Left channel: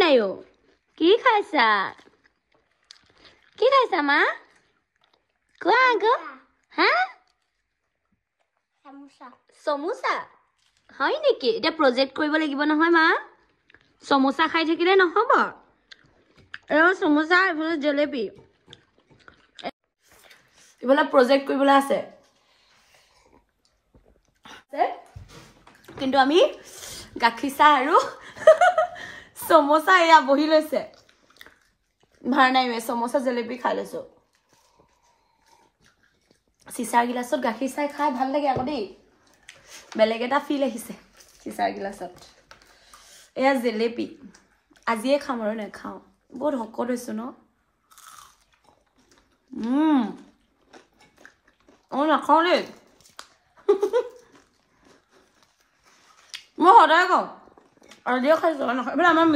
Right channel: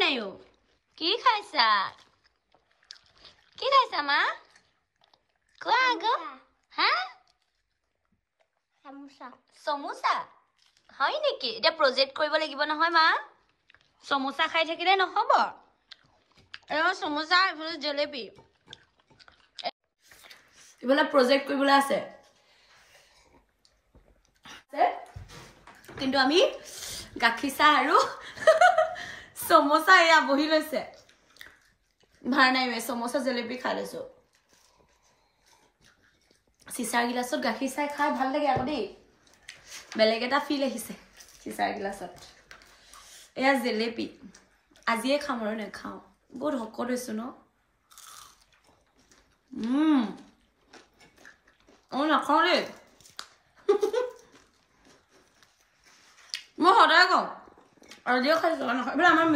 নাই অ কি খাইছা মা কোৱা গো হা সমোসা হয় নেকি এটা প্ৰজেক্ট কৰিব লাগিব নহয় মা সমোসা খাই থাকিলে নহব এও সমোসা এফালে জেলেপি এফালে প্ৰজেক্ট কৰিবলৈ আছে কিন্তু আমি গাখীৰ চাহ আৰু সমোসা এয়া বহি লৈছে ভৰা নাই সমোসা জেলেপি খাই লৈছো চিচাৰ গিলাছত গাখীৰ চাহ খাই ভাল লাগে আকৌ দেই বেলেগ এটা ফিল আহিছে চিচাৰ গিলাছত এয়া জেলেপি আজিয়ে খাম আৰু নেখাওঁ বহুত হকত হৈছো ন নাখাওঁ দেই মই সদায় খাওঁ আজিয়ে খাইছো নাখাওঁ আমাৰ